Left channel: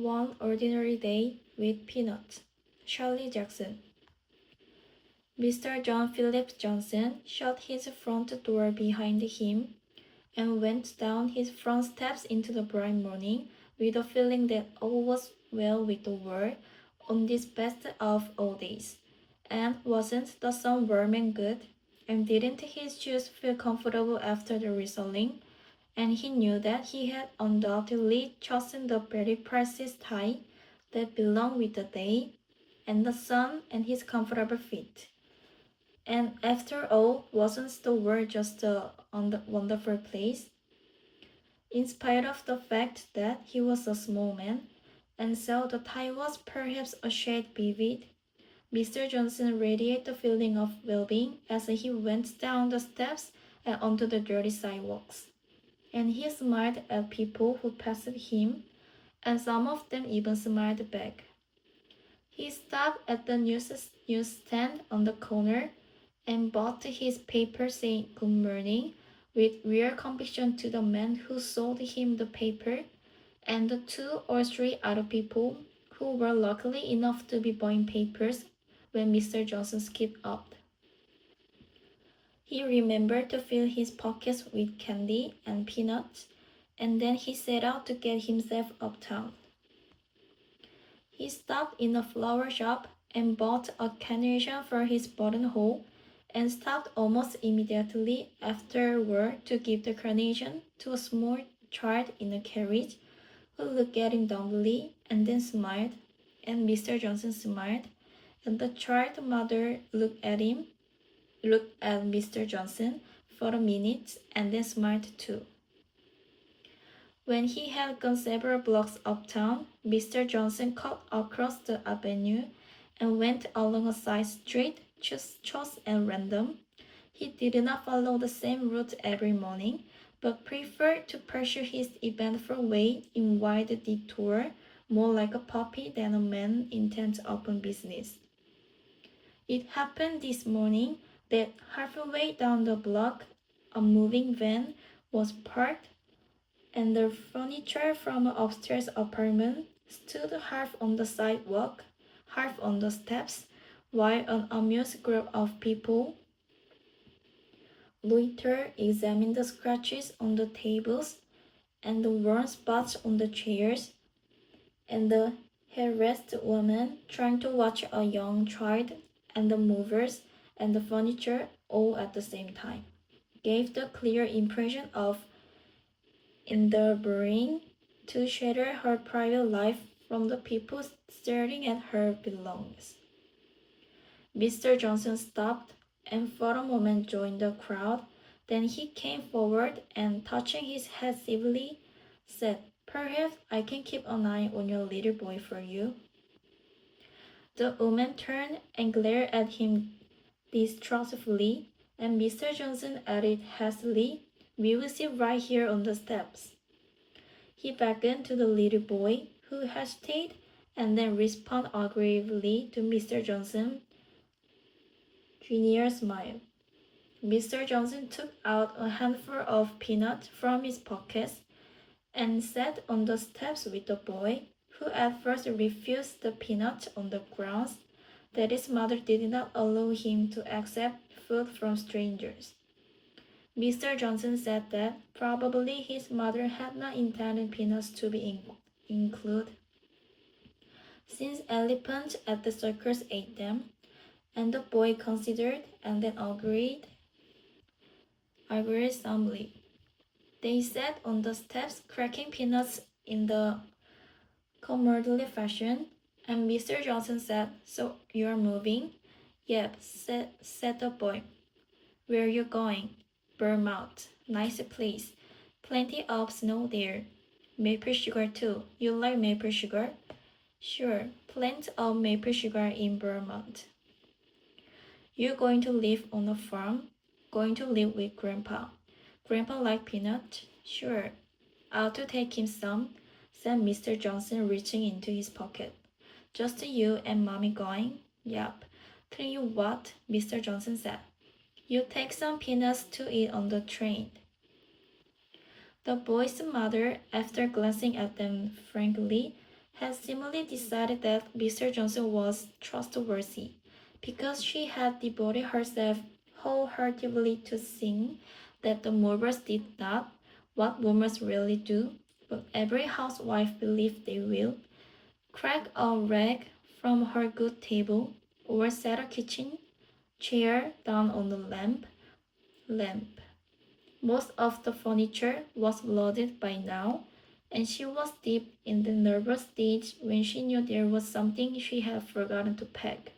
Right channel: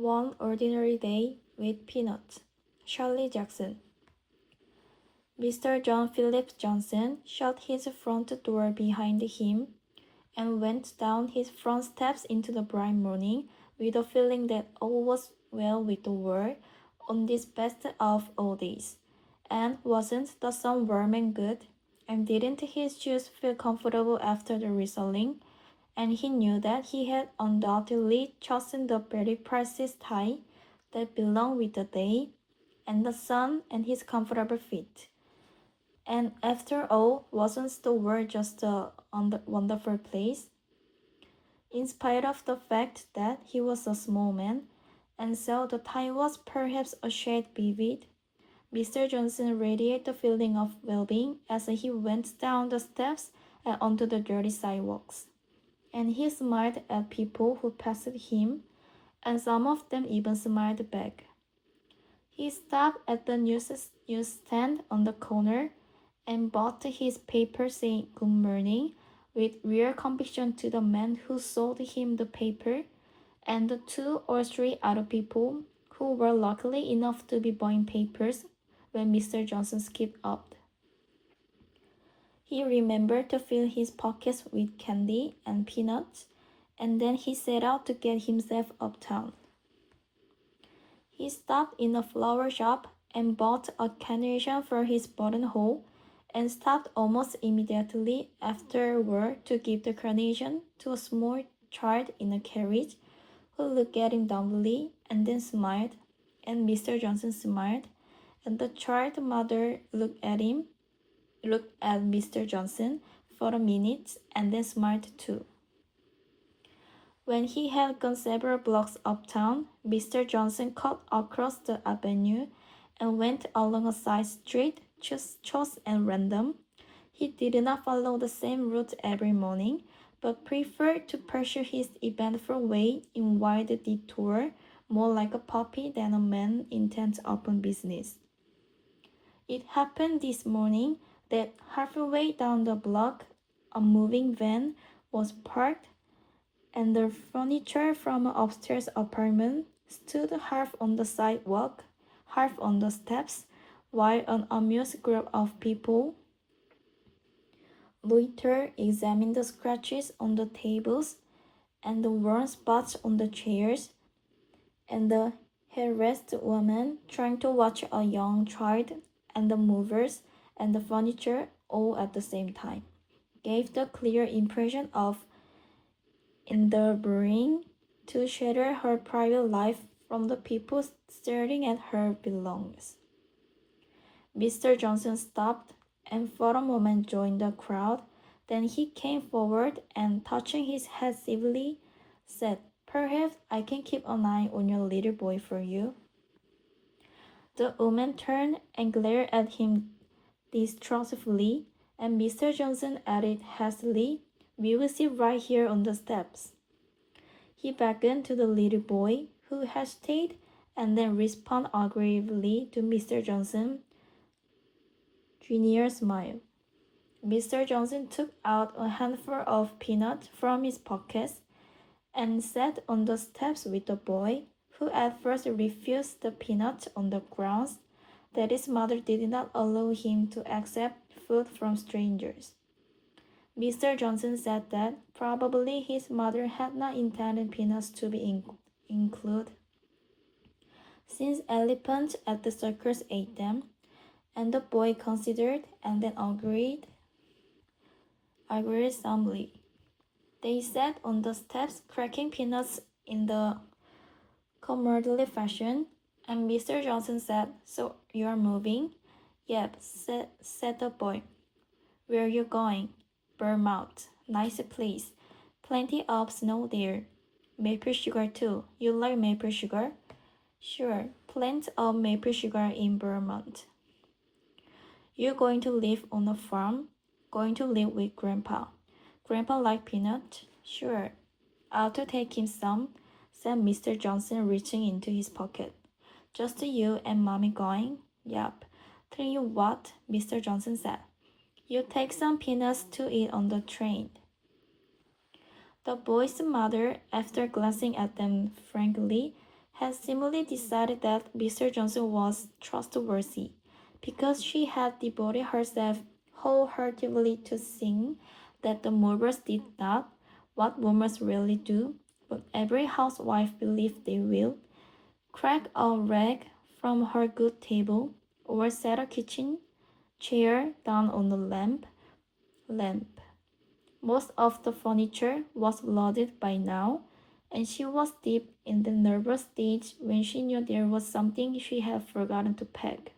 One Ordinary Day with Peanuts. Charlie Jackson. Mr. John Philip Johnson shut his front door behind him and went down his front steps into the bright morning with a feeling that all was well with the world on this best of all days. And wasn't the sun warm and good? And didn't his shoes feel comfortable after the whistling? And he knew that he had undoubtedly chosen the very precious tie that belonged with the day and the sun and his comfortable feet. And after all, wasn't the world just a wonderful place? In spite of the fact that he was a small man, and so the tie was perhaps a shade vivid, Mr. Johnson radiated the feeling of well-being as he went down the steps and onto the dirty sidewalks. And he smiled at people who passed him, and some of them even smiled back. He stopped at the newsstand on the corner and bought his paper saying good morning with real conviction to the man who sold him the paper and the 2 or 3 other people who were lucky enough to be buying papers when Mr. Johnson skipped up. He remembered to fill his pockets with candy and peanuts, and then he set out to get himself uptown. He stopped in a flower shop and bought a carnation for his buttonhole, and stopped almost immediately afterward to give the carnation to a small child in a carriage, who looked at him dumbly and then smiled, and Mr. Johnson smiled, and the child's mother looked at Mr. Johnson for a minute and then smiled too. When he had gone several blocks uptown, Mr. Johnson cut across the avenue and went along a side street, chose and random. He did not follow the same route every morning, but preferred to pursue his eventful way in wide detour, more like a puppy than a man intent upon business. It happened this morning that halfway down the block, a moving van was parked, and the furniture from an upstairs apartment stood half on the sidewalk, half on the steps, while an amused group of people loitered, examined the scratches on the tables and the worn spots on the chairs, and the harassed woman trying to watch a young child, and the movers and the furniture all at the same time, gave the clear impression of endeavoring to shelter her private life from the people staring at her belongings. Mr. Johnson stopped and for a moment joined the crowd. Then he came forward and, touching his head civilly, said, "Perhaps I can keep an eye on your little boy for you." The woman turned and glared at him distrustfully, and Mr. Johnson added hastily, "We will sit right here on the steps." He beckoned to the little boy, who hesitated and then responded agreeably to Mr. Johnson's genial smile. Mr. Johnson took out a handful of peanuts from his pockets and sat on the steps with the boy, who at first refused the peanuts on the grounds that his mother did not allow him to accept food from strangers. Mr. Johnson said that probably his mother had not intended peanuts to be included, since elephants at the circus ate them, and the boy considered and then agreed solemnly. They sat on the steps cracking peanuts in the comradely fashion, and Mr. Johnson said, "So you're moving?" "Yep," said the boy. "Where you going?" "Vermont. Nice place. Plenty of snow there. Maple sugar too. You like maple sugar?" "Sure. Plenty of maple sugar in Vermont." "You going to live on a farm?" "Going to live with Grandpa." "Grandpa like peanut?" "Sure. I'll to take him some," said Mr. Johnson, reaching into his pocket. "Just you and Mommy going?" "Yup." "Tell you what," Mr. Johnson said. "You take some peanuts to eat on the train." The boy's mother, after glancing at them frankly, had seemingly decided that Mr. Johnson was trustworthy, because she had devoted herself wholeheartedly to seeing that the movers did not what movers really do, but every housewife believes they will crack a rag from her good table, or set a kitchen chair down on the lamp. Most of the furniture was loaded by now, and she was deep in the nervous stage when she knew there was something she had forgotten to pack,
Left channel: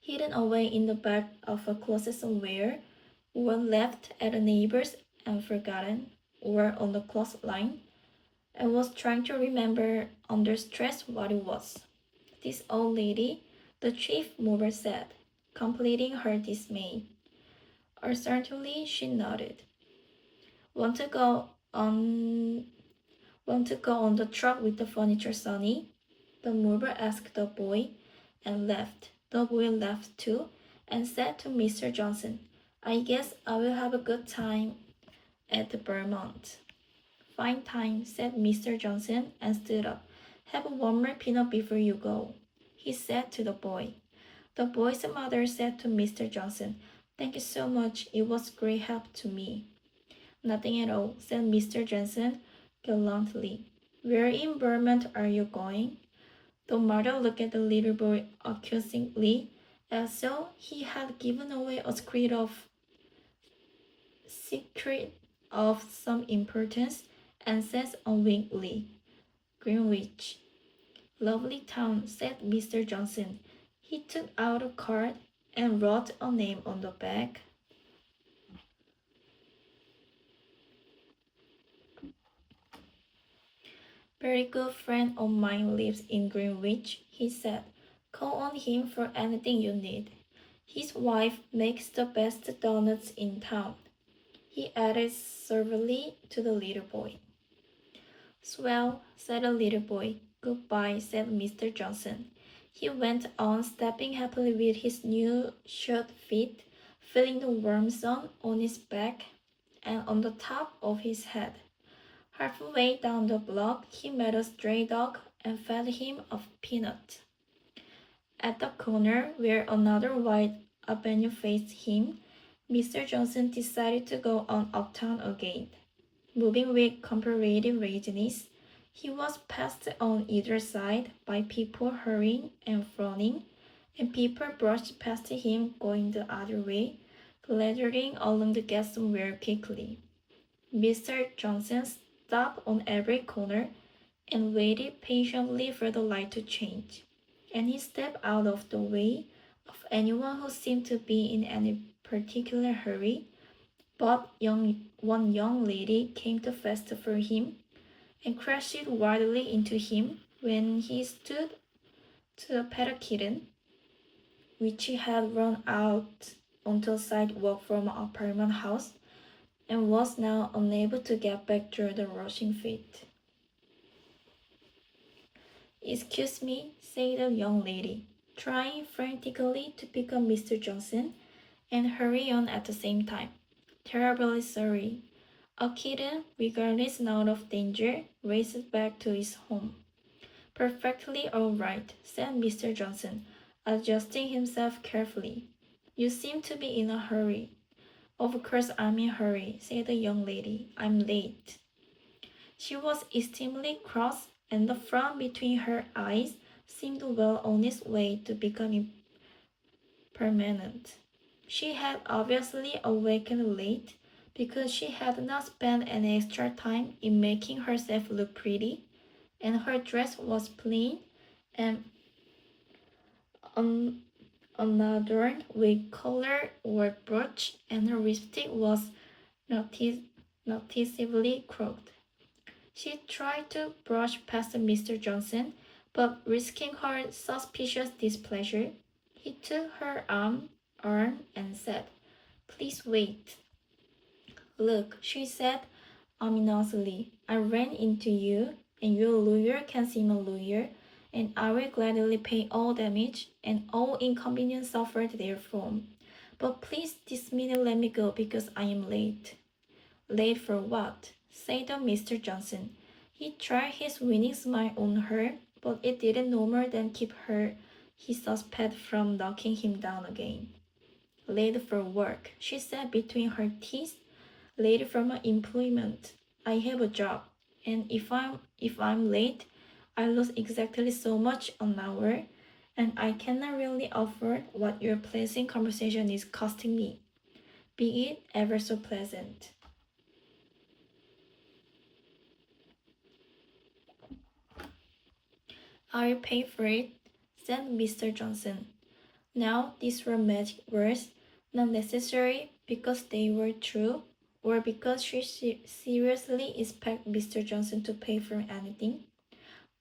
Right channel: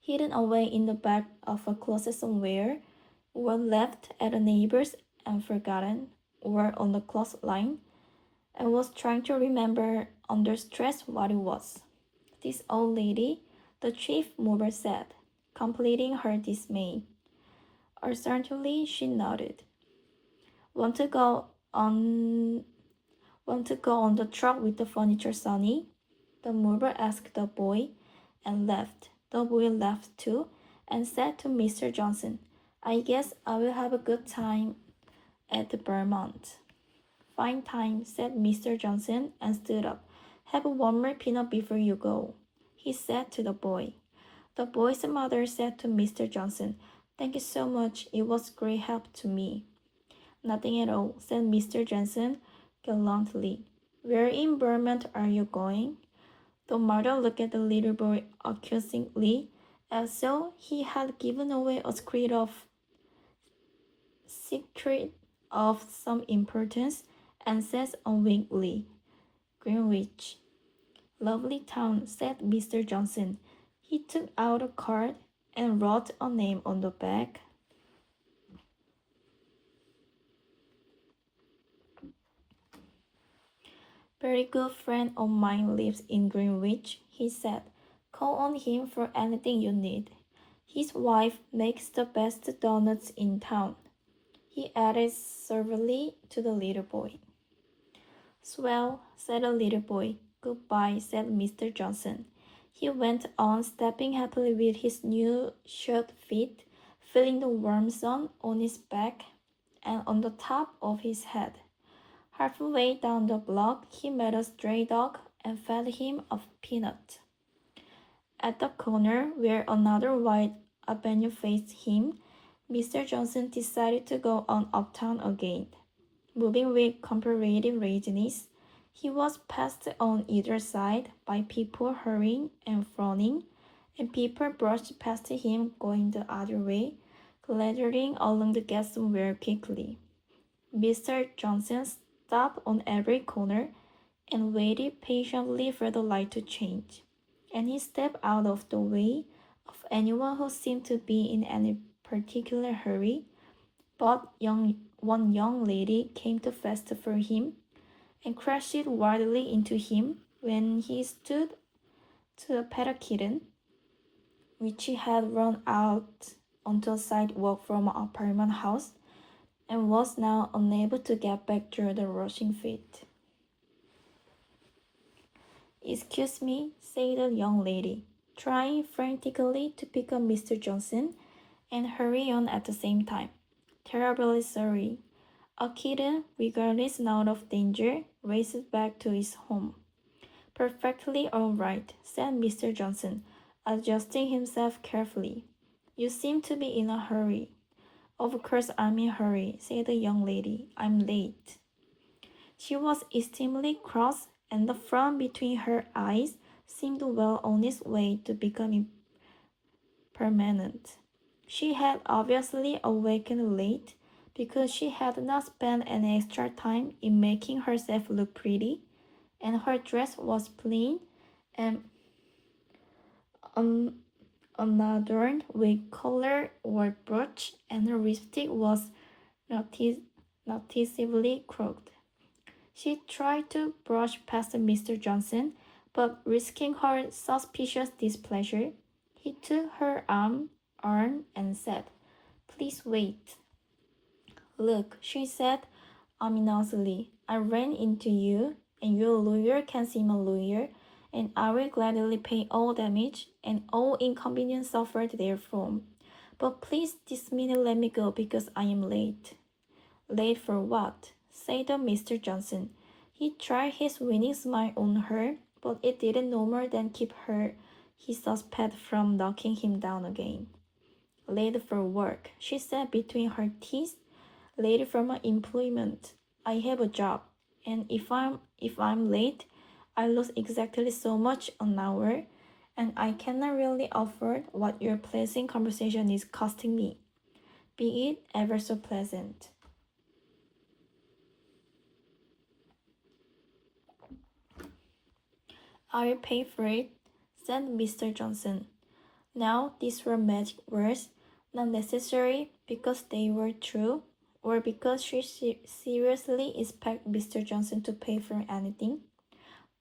hidden away in the back of a closet somewhere, or left at a neighbor's and forgotten, or on the clothesline. I was trying to remember under stress what it was. This old lady, the chief mover said, completing her dismay. Certainly, she nodded. Want to go on Want to go on the truck with the furniture, Sonny? The mover asked the boy and left. The boy left too and said to Mr. Johnson, I guess I will have a good time at the Vermont. Fine time, said Mr. Johnson and stood up. Have one more peanut before you go, he said to the boy. The boy's mother said to Mr. Johnson, Thank you so much. It was great help to me. Nothing at all, said Mr. Johnson gallantly. Where in Vermont are you going? The mother looked at the little boy accusingly, as though he had given away a secret of some importance, and said unwillingly, Greenwich. Lovely town, said Mr. Johnson. He took out a card and wrote a name on the back. Very good friend of mine lives in Greenwich, he said. Call on him for anything you need. His wife makes the best doughnuts in town, he added servilely to the little boy. Swell, said the little boy. Goodbye, said Mr. Johnson. He went on, stepping happily with his new shod feet, feeling the warm sun on his back and on the top of his head. Halfway down the block, he met a stray dog and fed him a peanut. At the corner where another wide avenue faced him, Mr. Johnson decided to go on uptown again. Moving with comparative readiness, he was passed on either side by people hurrying and frowning, and people brushed past him going the other way, clattering along the gas somewhere quickly. Mr. Johnson stopped on every corner and waited patiently for the light to change, and he stepped out of the way of anyone who seemed to be in any particular hurry, but one young lady came too fast for him and crashed wildly into him when he stood to pet a kitten, which had run out onto a sidewalk from an apartment house and was now unable to get back through the rushing feet. Excuse me, said the young lady, trying frantically to pick up Mr. Johnson and hurry on at the same time. Terribly sorry. A kitten, regardless now of danger, raced back to its home. Perfectly all right, said Mr. Johnson, adjusting himself carefully. You seem to be in a hurry. Of course I'm in a hurry, said the young lady. I'm late. She was extremely cross, and the frown between her eyes seemed well on its way to becoming permanent. She had obviously awakened late because she had not spent any extra time in making herself look pretty, and her dress was plain and unadorned with collar or brooch, and her lipstick was noticeably crooked. She tried to brush past Mr. Johnson, but risking her suspicious displeasure, he took her arm and said, Please wait. Look, she said ominously, I ran into you, and your lawyer can seem a lawyer, and I will gladly pay all damage and all inconvenience suffered therefrom. But please this minute let me go because I am late. Late for what? Said Mr. Johnson. He tried his winning smile on her, but it didn't no more than keep his suspect from knocking him down again. Late for work, she said between her teeth. Late for my employment. I have a job, and if I'm late, I lose exactly so much an hour, and I cannot really afford what your pleasant conversation is costing me, be it ever so pleasant. I'll pay for it, said Mr. Johnson. Now these were magic words, not necessary because they were true, or because she seriously expected Mr. Johnson to pay for anything,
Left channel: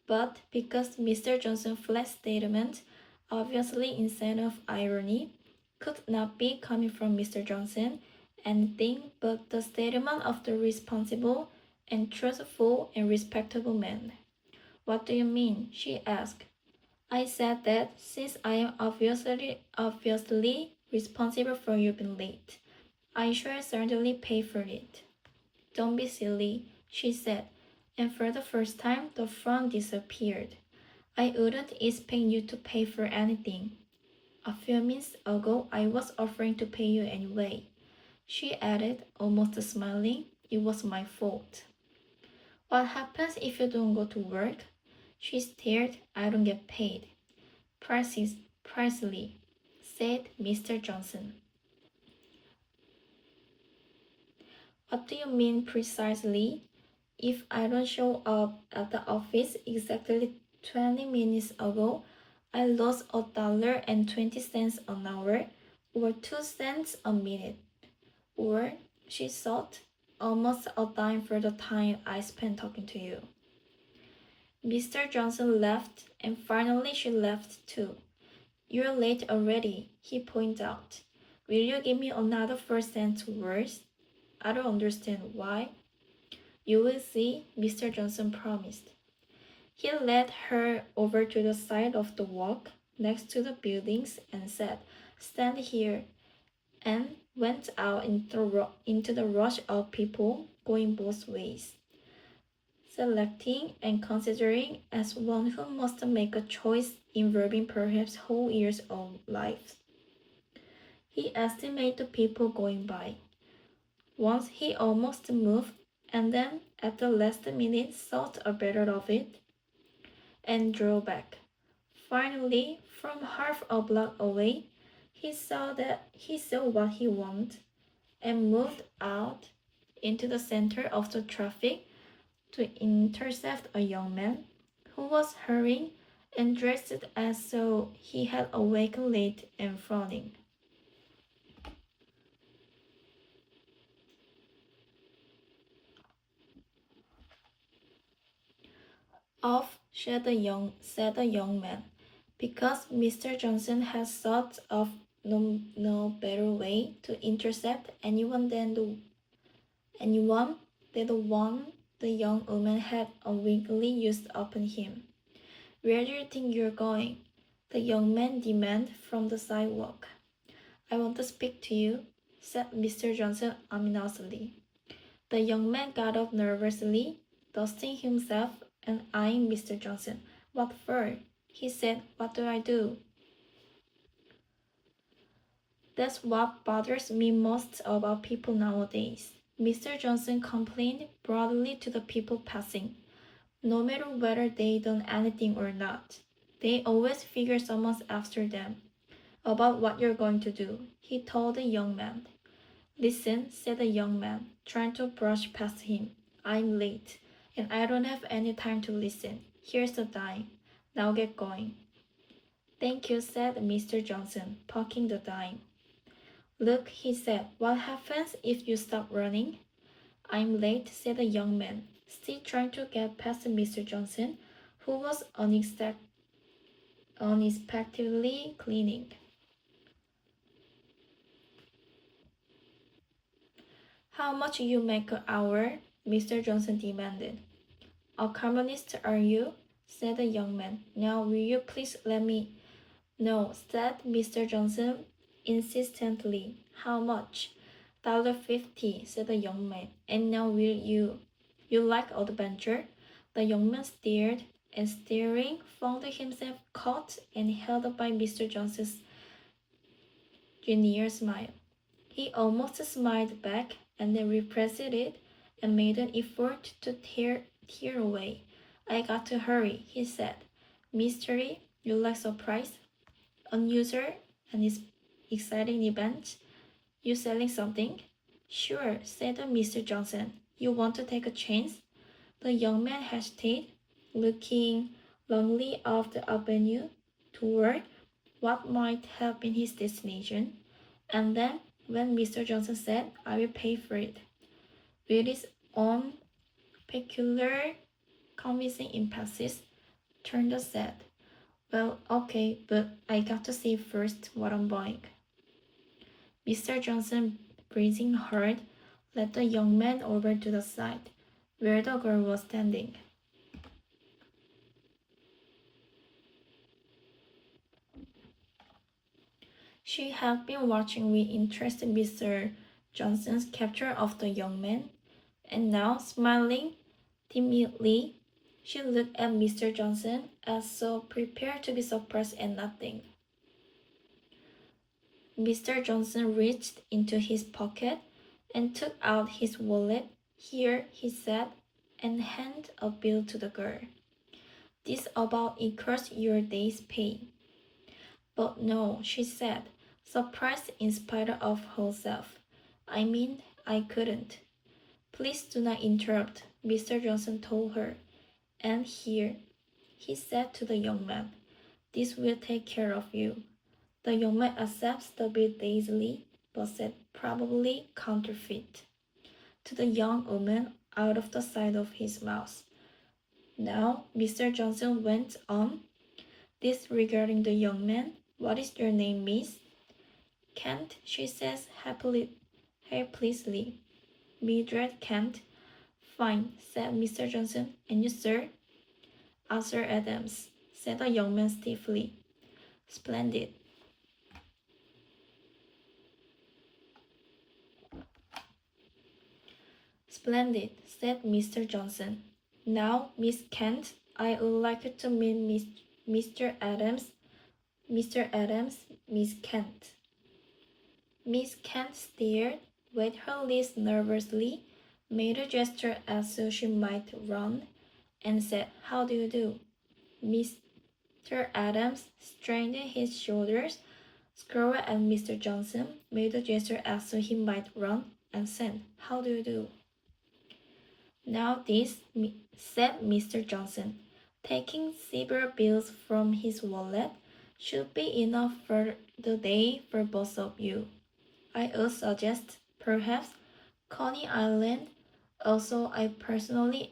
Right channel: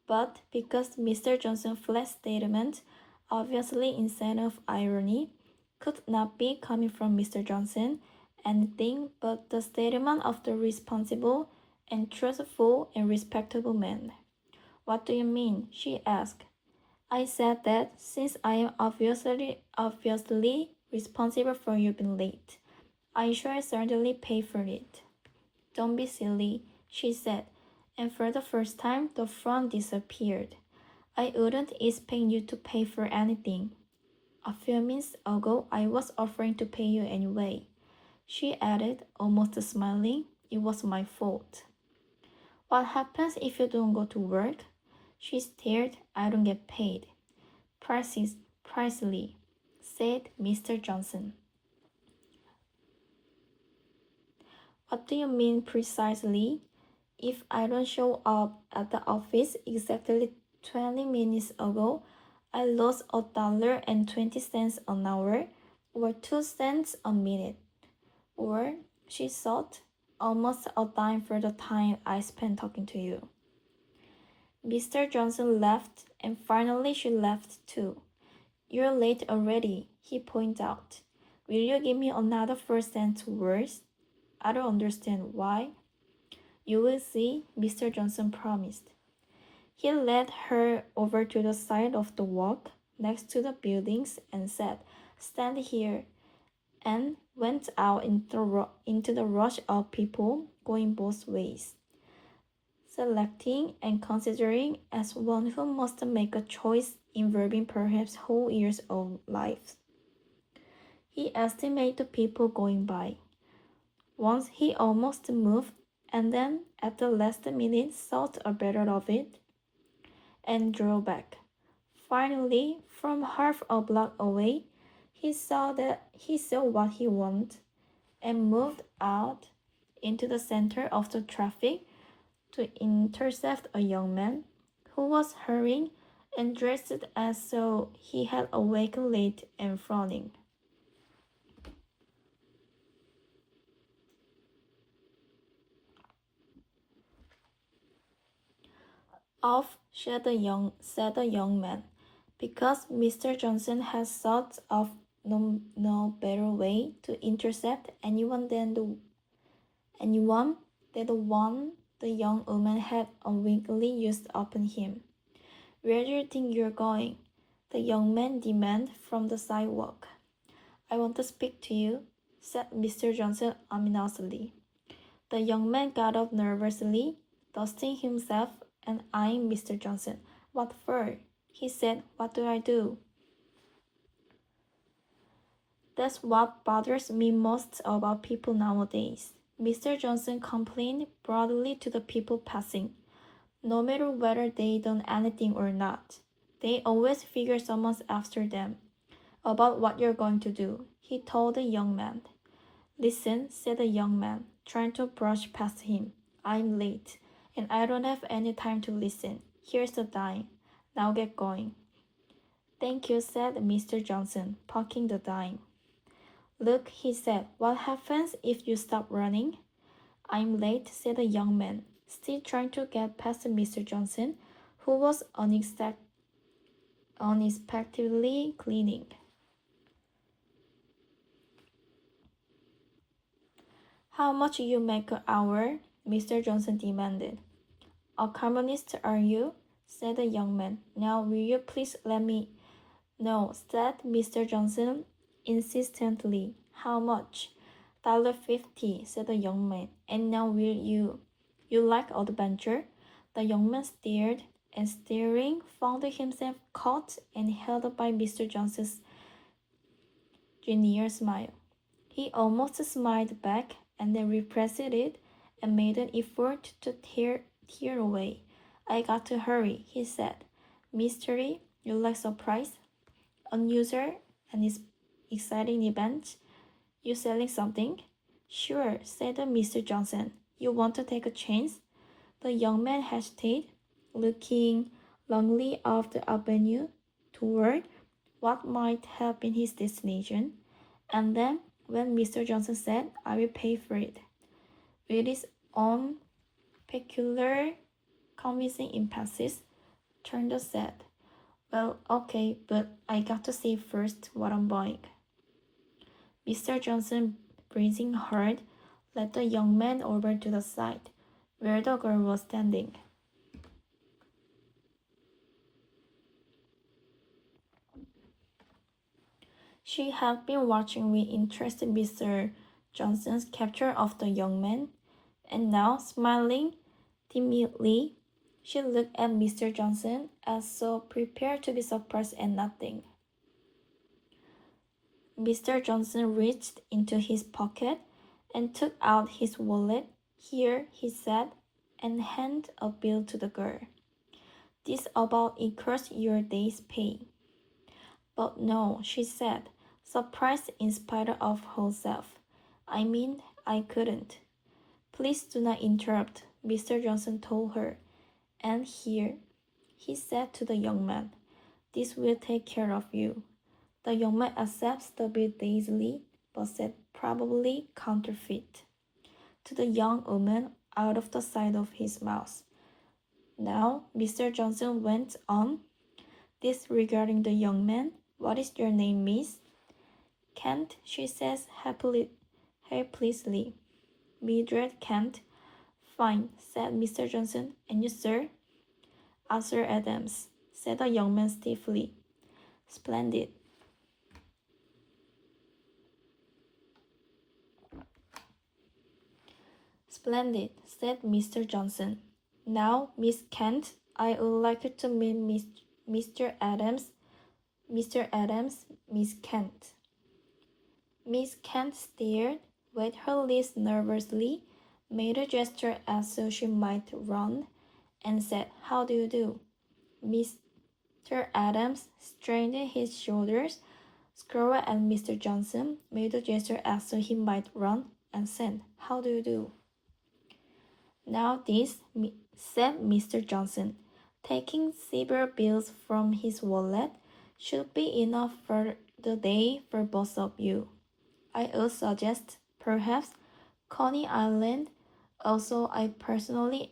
but because Mr. Johnson's flat statement, obviously instead of irony, could not be coming from Mr. Johnson, anything but the statement of the responsible and truthful and respectable man. What do you mean? She asked. I said that since I am obviously responsible for you being late, I shall certainly pay for it. Don't be silly, she said, and for the first time the frown disappeared. I wouldn't expect you to pay for anything. A few minutes ago I was offering to pay you anyway. She added, almost smiling, it was my fault. What happens if you don't go to work? She stared, I don't get paid. Precisely, said Mr. Johnson. What do you mean precisely? If I don't show up at the office exactly 20 minutes ago, I lost $1.20 an hour, or 2 cents a minute, or, she thought, almost a dime for the time I spent talking to you. Mr. Johnson laughed, and finally she laughed too. You're late already, he pointed out. Will you give me another 4 cents worth? I don't understand why. You will see, Mr. Johnson promised. He led her over to the side of the walk next to the buildings and said, stand here, and went out into the rush of people going both ways, selecting and considering as one who must make a choice involving perhaps whole years of life. He estimated the people going by. Once he almost moved, and then at the last minute thought better of it and drew back. Finally, from half a block away, he saw what he wanted and moved out into the center of the traffic to intercept a young man who was hurrying and dressed as though he had awakened late and frowning. Off, said the young man, because Mr. Johnson has thought of no better way to intercept anyone than the one the young woman had unwittingly used upon him. Where do you think you're going? The young man demanded from the sidewalk. I want to speak to you, said Mr. Johnson ominously. The young man got up nervously, dusting himself and eyeing Mr. Johnson. What for? He said. What do I do? That's what bothers me most about people nowadays. Mr. Johnson complained broadly to the people passing. No matter whether they done anything or not, they always figure someone's after them. About what you're going to do, he told the young man. Listen, said the young man, trying to brush past him. I'm late, and I don't have any time to listen. Here's the dime. Now get going. Thank you, said Mr. Johnson, pocketing the dime. Look, he said, what happens if you stop running? I'm late, said the young man, still trying to get past Mr. Johnson, who was unexpectedly cleaning. How much you make an hour? Mr. Johnson demanded. A communist, are you? Said the young man. Now will you please let me. No, said Mr. Johnson insistently. How much? $1.50, said the young man. And now will you. You like adventure? The young man stared and staring found himself caught and held by Mr. Johnson's genial smile. He almost smiled back and then repressed it and made an effort to tear away. I got to hurry, he said. Mystery, you like surprise? Unusual and exciting event? You selling something? Sure, said Mr. Johnson. You want to take a chance? The young man hesitated, looking longingly off the avenue toward what might have been his destination, and then when Mr. Johnson said, I will pay for it, with his own peculiar convincing emphasis, turned said, well, okay, but I got to see first what I'm buying. Mr. Johnson, breathing hard, led the young man over to the side, where the girl was standing. She had been watching with interest Mr. Johnson's capture of the young man, and now, smiling timidly, she looked at Mr. Johnson as though prepared to be surprised at nothing. Mr. Johnson reached into his pocket and took out his wallet. Here, he said, and handed a bill to the girl. This about equals your day's pay. But no, she said, surprised in spite of herself. I mean, I couldn't. Please do not interrupt, Mr. Johnson told her. And here, he said to the young man, this will take care of you. The young man accepts the bill dazedly, but said probably counterfeit to the young woman out of the side of his mouth. Now, Mr. Johnson went on, disregarding the young man. What is your name, miss? Kent, she says helplessly. Mildred Kent. Fine, said Mr. Johnson. And you, sir? Arthur Adams, said the young man stiffly. Splendid. Splendid, said Mr. Johnson. Now, Miss Kent, I would like to meet Mr. Adams. Mr. Adams, Miss Kent. Miss Kent stared, wet her lips nervously, made a gesture as though she might run, and said, How do you do? Mr. Adams straightened his shoulders, scowled at Mr. Johnson, made a gesture as though he might run, and said, How do you do? Now this, said Mr. Johnson, taking several bills from his wallet, should be enough for the day for both of you. I would suggest, perhaps, Coney Island. Also, I personally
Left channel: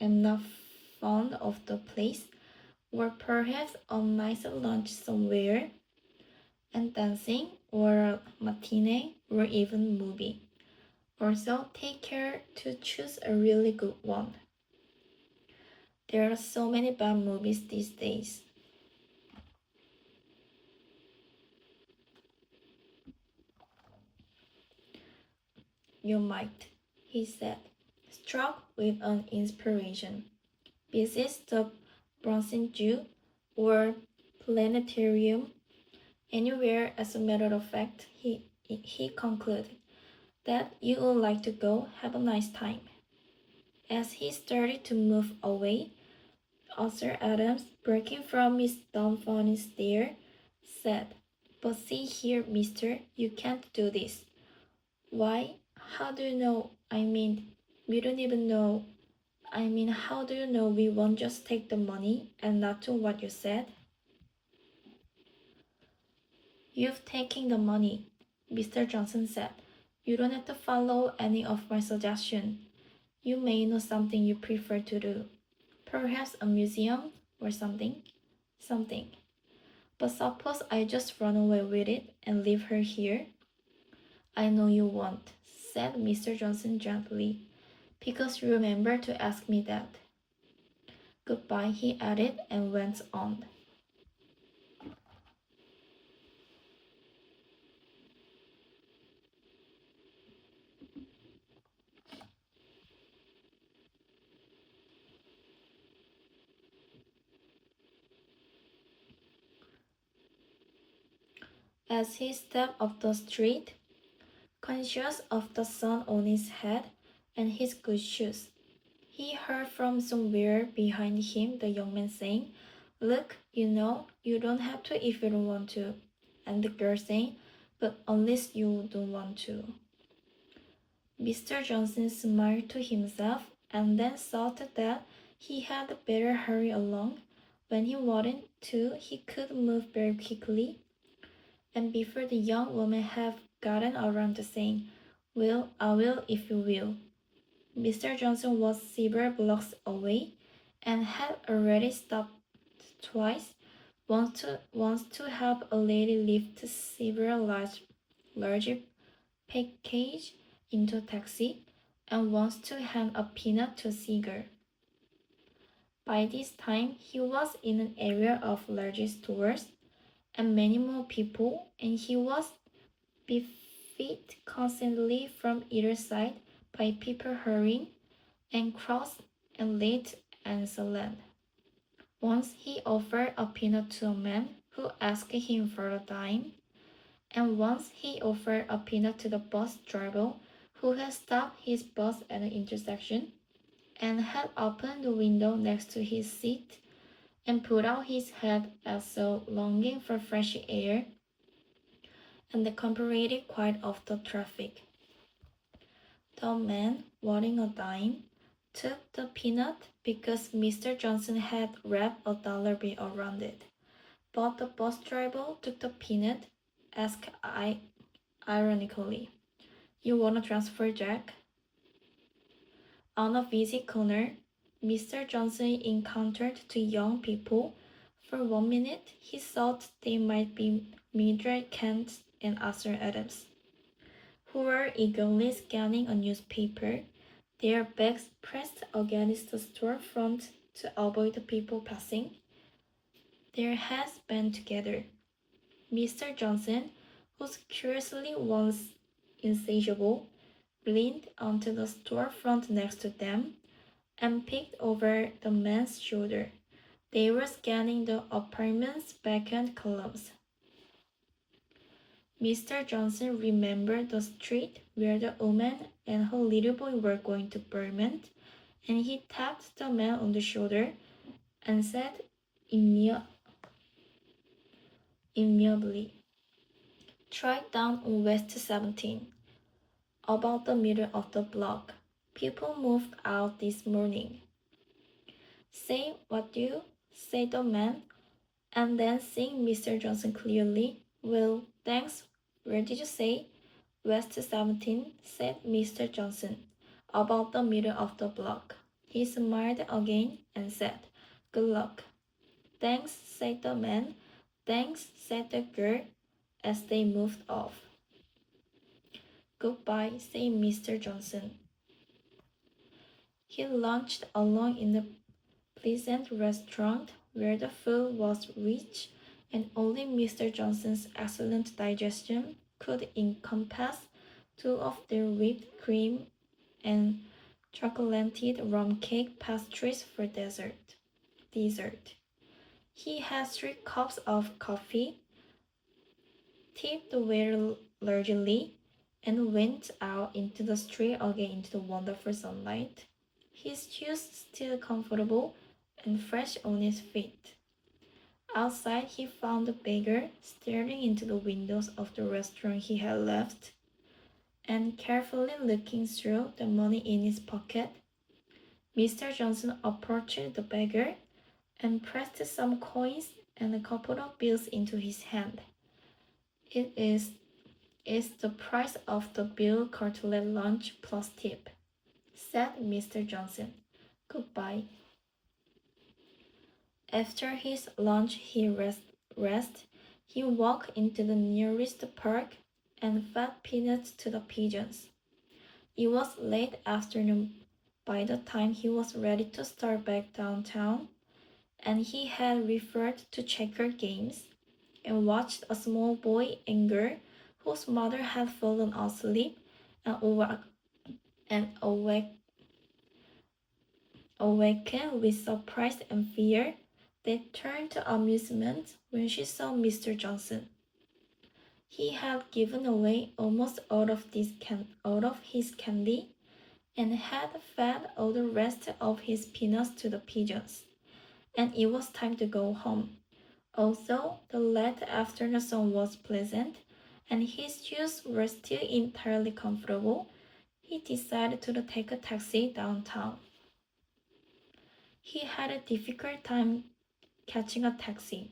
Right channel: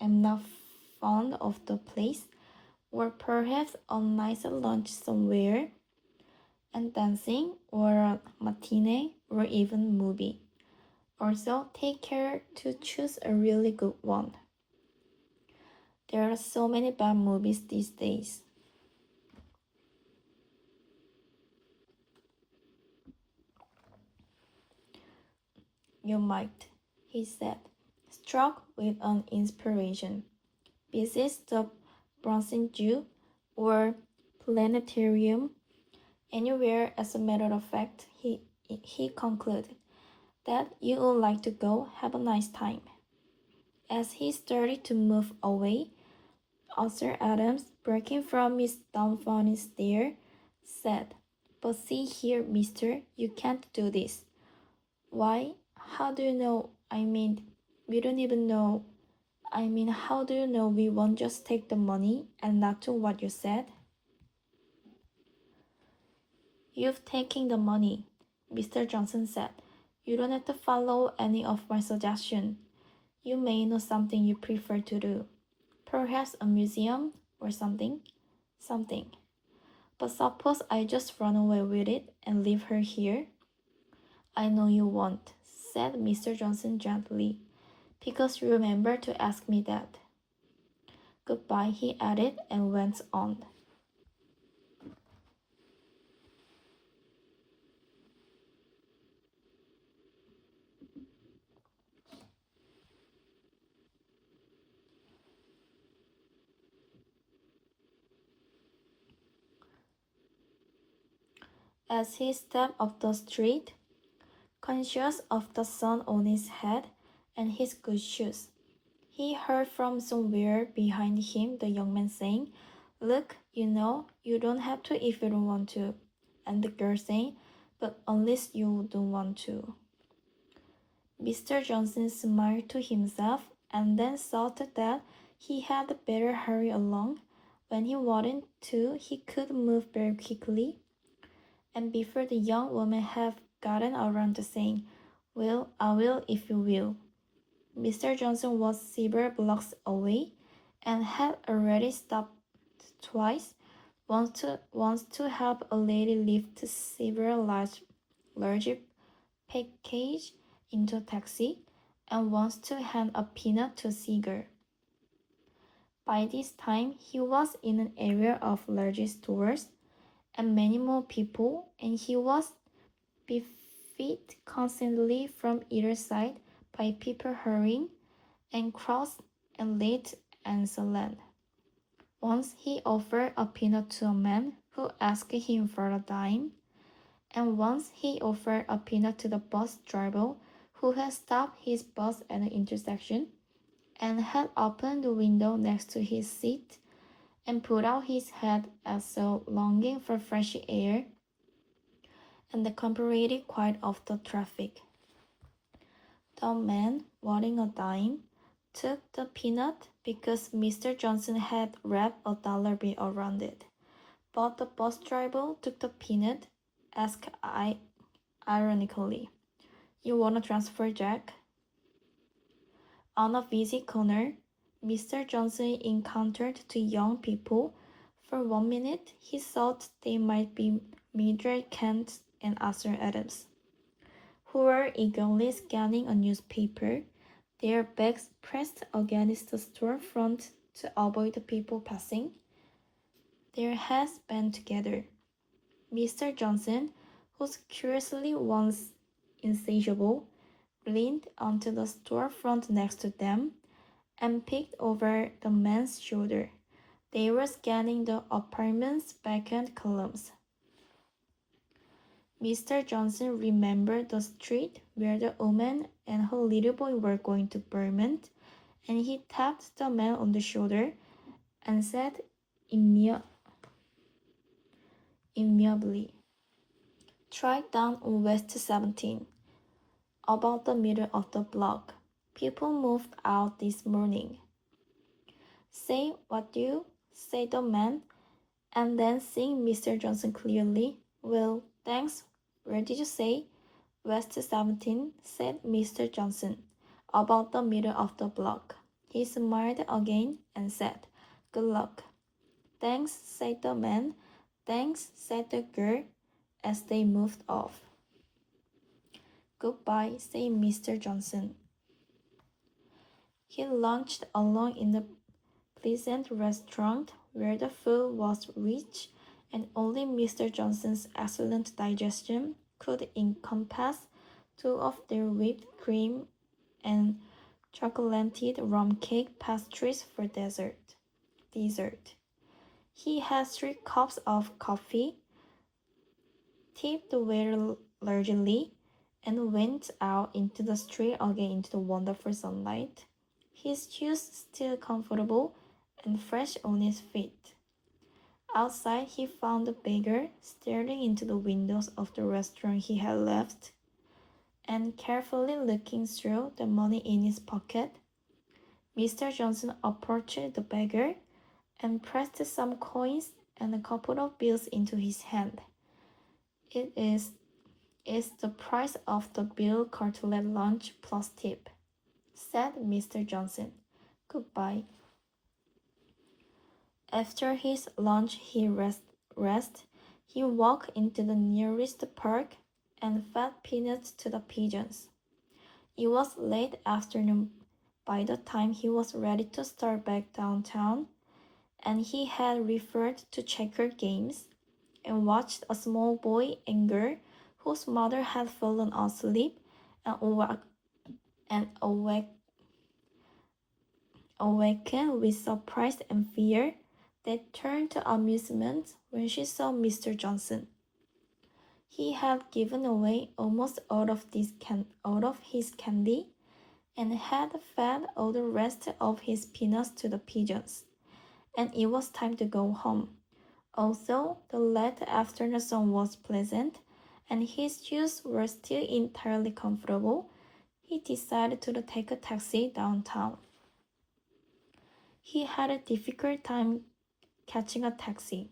am not fond of the place, or perhaps a nice lunch somewhere, and dancing, or a matinee, or even movie. Also, take care to choose a really good one. There are so many bad movies these days. You might, he said, struck with an inspiration. Visit the Bronson Zoo or planetarium, anywhere. As a matter of fact, he concluded that you would like to go. Have a nice time. As he started to move away, Arthur Adams, breaking from his dumbfounded stare, said, But see here, mister, you can't do this. Why? How do you know? I mean, we don't even know. I mean, how do you know we won't just take the money and not do what you said? You've taken the money, Mr. Johnson said. You don't have to follow any of my suggestions. You may know something you prefer to do. Perhaps a museum or something. Something. But suppose I just run away with it and leave her here? I know you won't, said Mr. Johnson gently, because you remember to ask me that. Goodbye, he added, and went on. As he stepped up the street, conscious of the sun on his head and his good shoes, he heard from somewhere behind him the young man saying, "Look, you don't have to if you don't want to." And the girl saying, "But unless you don't want to." Mr. Johnson smiled to himself and then thought that he had better hurry along. When he wanted to, he could move very quickly, and before the young woman had gotten around to saying, "Well, I will if you will," Mr. Johnson was several blocks away and had already stopped twice, once to help a lady lift several large package into a taxi, and once to hand a peanut to a seagull. By this time, he was in an area of large stores and many more people, and he was beset constantly from either side by people hurrying and crowds and late and silent. Once he offered a peanut to a man who asked him for a dime, and once he offered a peanut to the bus driver who had stopped his bus at an intersection and had opened the window next to his seat and put out his head as though longing for fresh air and the comparative quiet of the traffic. The man, wanting a dime, took the peanut because Mr. Johnson had wrapped a dollar bill around it. But the bus driver took the peanut, asked ironically, "You want a transfer, Jack?" On a busy corner, Mr. Johnson encountered two young people. For 1 minute, he thought they might be Mildred Kent and Arthur Adams, who were eagerly scanning a newspaper, their backs pressed against the store front to avoid the people passing, their heads bent together. Mr. Johnson, whose curiosity was insatiable, leaned onto the storefront next to them and peeked over the man's shoulder. They were scanning the apartment's vacant columns. Mr. Johnson remembered the street where the woman and her little boy were going to Vermont, and he tapped the man on the shoulder and said amiably, "Try down on West 17, about the middle of the block. People moved out this morning." "Say what you?" said the man, and then seeing Mr. Johnson clearly, "Well, thanks. Where did you say?" "West 17, said Mr. Johnson, "about the middle of the block." He smiled again and said, "Good luck." "Thanks," said the man. "Thanks," said the girl, as they moved off. "Goodbye," said Mr. Johnson. He lunched alone in the pleasant restaurant where the food was rich and only Mr. Johnson's excellent digestion could encompass two of their whipped cream and chocolated rum cake pastries for dessert. He had 3 cups of coffee, tipped the waiter largely, and went out into the street again into the wonderful sunlight, his shoes still comfortable and fresh on his feet. Outside, he found the beggar staring into the windows of the restaurant he had left and carefully looking through the money in his pocket. Mr. Johnson approached the beggar and pressed some coins and a couple of bills into his hand. "It's the price of the Bill Carteret lunch plus tip," said Mr. Johnson. "Goodbye." After his lunch he he walked into the nearest park and fed peanuts to the pigeons. It was late afternoon by the time he was ready to start back downtown, and he had referred to checker games and watched a small boy and girl whose mother had fallen asleep and awakened with surprise and fear, that turned to amusement when she saw Mr. Johnson. He had given away almost all of his candy and had fed all the rest of his peanuts to the pigeons, and it was time to go home. Although the late afternoon sun was pleasant and his shoes were still entirely comfortable, he decided to take a taxi downtown. He had a difficult time catching a taxi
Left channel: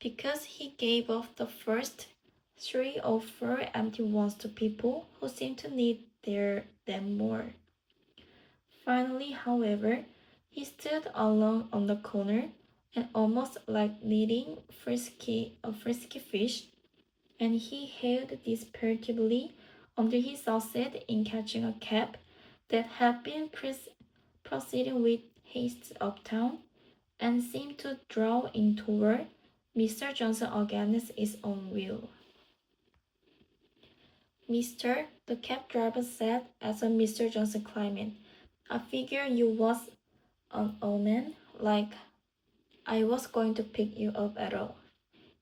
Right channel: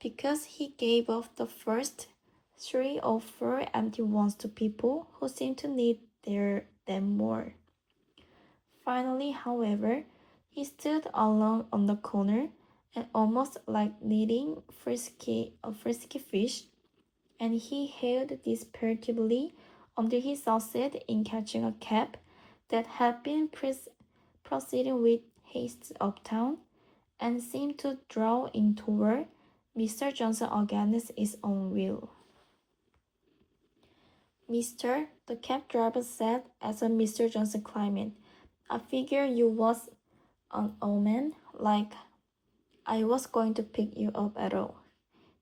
because he gave off the first 3 or 4 empty ones to people who seemed to need them more. Finally, however, he stood alone on the corner and almost like needing a frisky fish, and he hailed desperately until he succeeded in catching a cab that had been proceeding with haste uptown and seemed to draw in toward Mr. Johnson against its own will. Mister, the cab driver said as Mr. Johnson climbed. I figure you was an omen, like I was going to pick you up at all.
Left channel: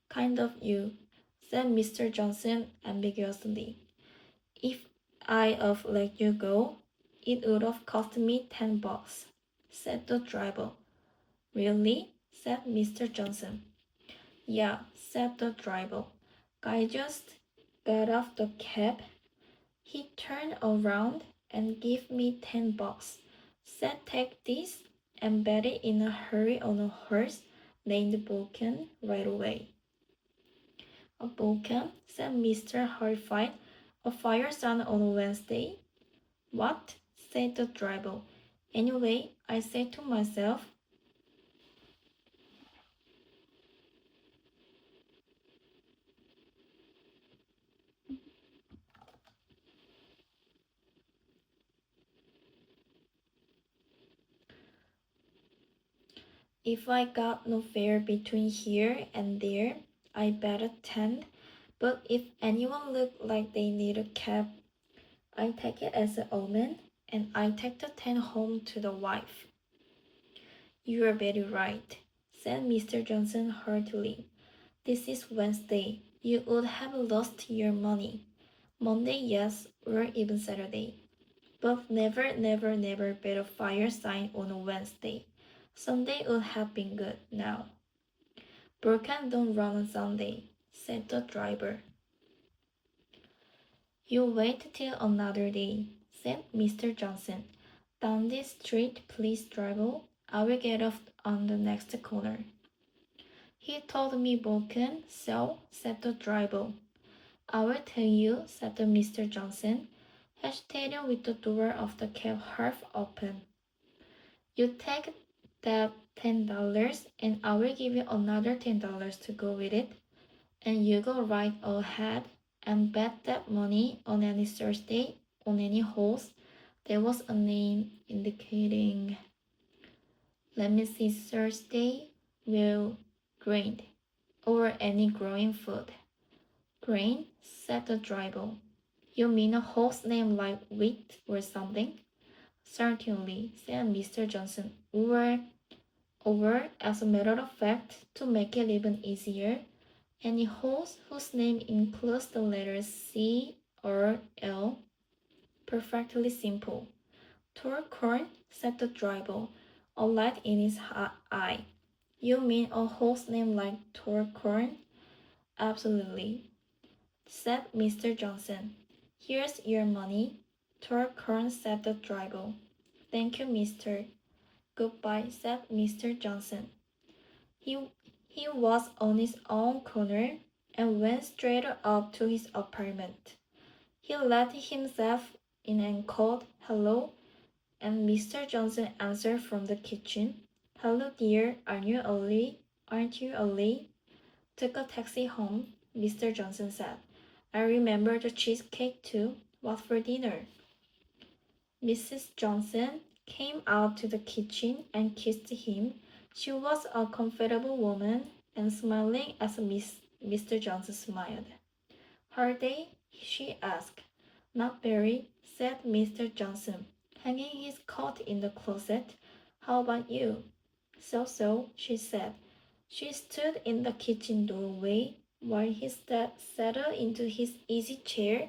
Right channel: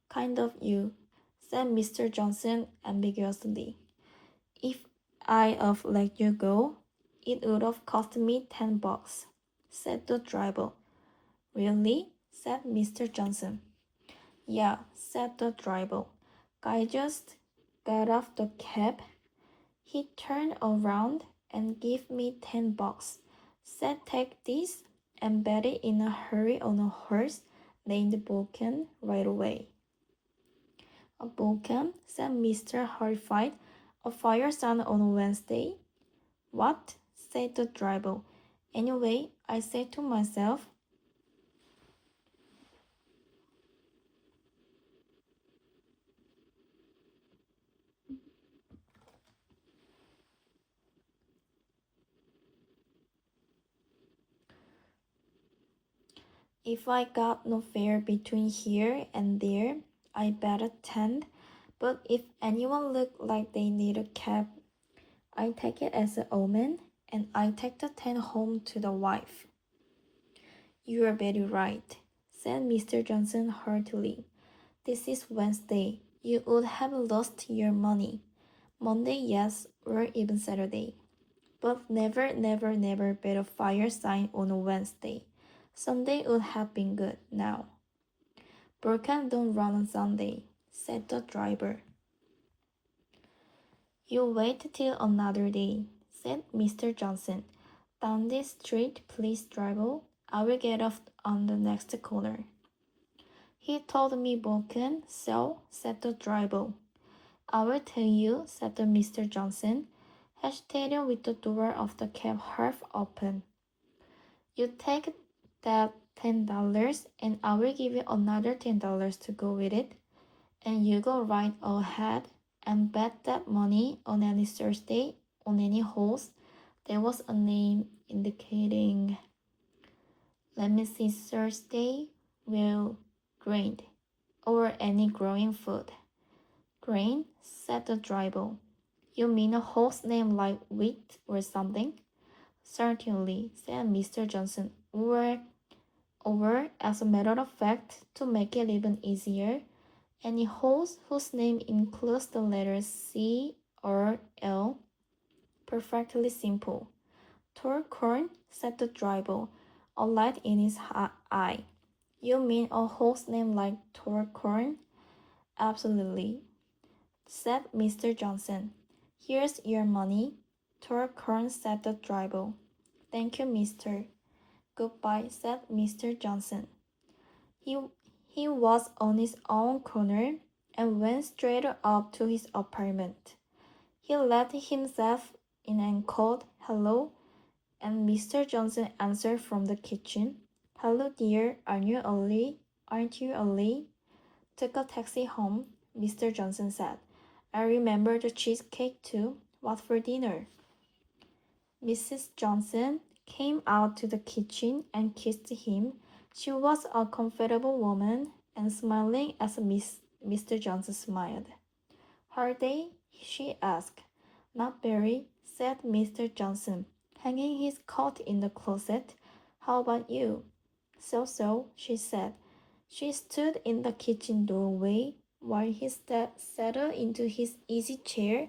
Kind of you, said Mr. Johnson ambiguously. If I'd let you go, it would have cost me $10, said the driver. Really? Said Mr. Johnson. Yeah, said the driver. Guy just got off the cab. He turned around and gave me $10. Said take this and bet it in a hurry on a horse named Vulcan right away. A Vulcan? Said Mr. Horrified. A fire sign on a Wednesday? What? Said the driver. Anyway, I said to myself, if I got no fare between here and there, I bet a 10. But if anyone looked like they need a cab, I take it as an omen, and I take the 10 home to the wife. You are very right, said Mr. Johnson heartily. This is Wednesday. You would have lost your money. Monday, yes, or even Saturday. But never, never, never bet a fire sign on a Wednesday. Sunday would have been good now. Burkan don't run on Sunday, said the driver. You wait till another day, said Mr. Johnson. Down this street, please, driver. I will get off on the next corner. He told me broken, so, said the driver. I will tell you, said the Mr. Johnson, hesitating with the door of the cab half open. You take that $10 and I will give you another $10 to go with it, and you go right ahead and bet that money on any Thursday on any horse. There was a name indicating, let me see, Thursday will grain or any growing food. Grain, said the driver. You mean a horse named like wheat or something? Certainly, said Mr. Johnson. Or, as a matter of fact, to make it even easier, any horse whose name includes the letters C or L. Perfectly simple. Torcorn, said the driver, a light in his eye. You mean a horse named like Torcorn? Absolutely, said Mr. Johnson. Here's your money. Torcorn, said the driver. Thank you, mister. Goodbye, said Mr. Johnson. He, he was on his own corner and went straight up to his apartment. He let himself in and called, hello, and Mr. Johnson answered from the kitchen. Hello, dear, Aren't you early? Took a taxi home, Mr. Johnson said. I remember the cheesecake too. What for dinner? Mrs. Johnson came out to the kitchen and kissed him. She was a comfortable woman and smiling as Mr. Johnson smiled. Her day? She asked. Not very, said Mr. Johnson, hanging his coat in the closet. How about you? So, she said. She stood in the kitchen doorway, while he settled into his easy chair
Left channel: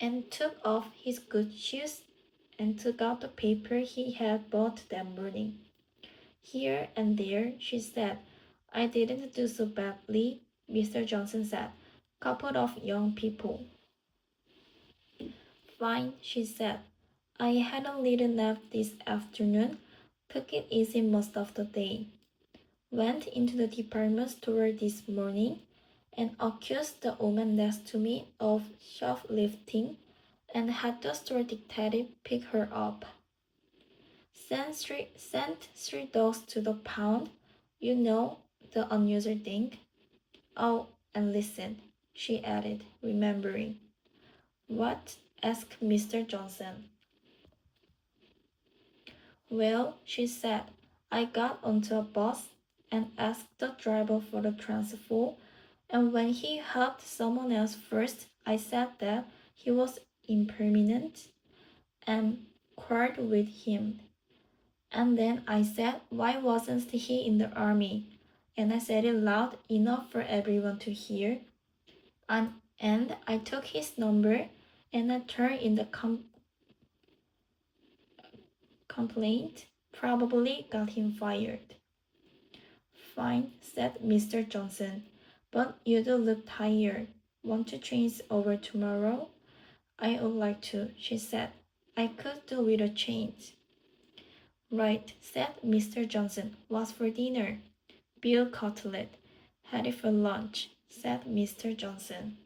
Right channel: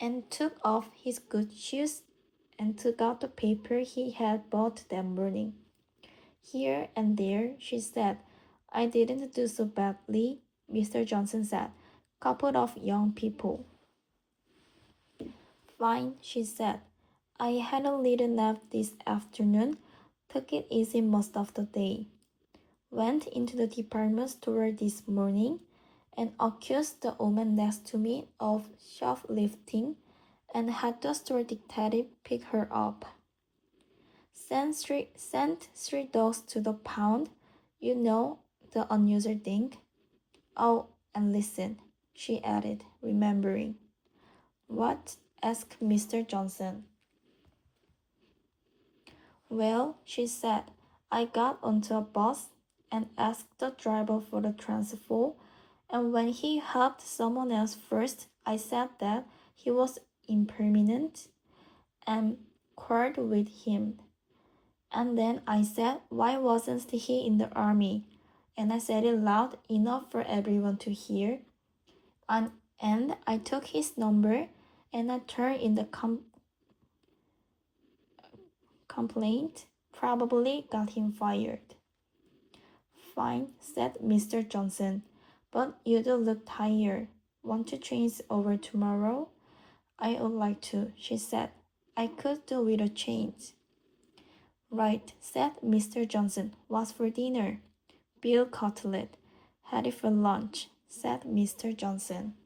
and took off his good shoes and took out the paper he had bought that morning. Here and there, she said, I didn't do so badly, Mr. Johnson said. Couple of young people. Fine, she said. I had a little nap this afternoon, took it easy most of the day. Went into the department store this morning and accused the woman next to me of shoplifting and had the store detective pick her up. Sent three dogs to the pound, you know, the unusual thing. Oh, and listen, she added, remembering. What? Asked Mr. Johnson. Well, she said, I got onto a bus and asked the driver for the transfer, and when he helped someone else first, I said that he was impermanent and quarreled with him. And then I said, why wasn't he in the army? And I said it loud enough for everyone to hear. And I took his number and I turned in the complaint. Probably got him fired. Fine, said Mr. Johnson, but you do look tired. Want to change over tomorrow? I would like to, she said. I could do with a change. Right, said Mr. Johnson. What's for dinner? Veal cutlet. Had it for lunch, said Mr. Johnson.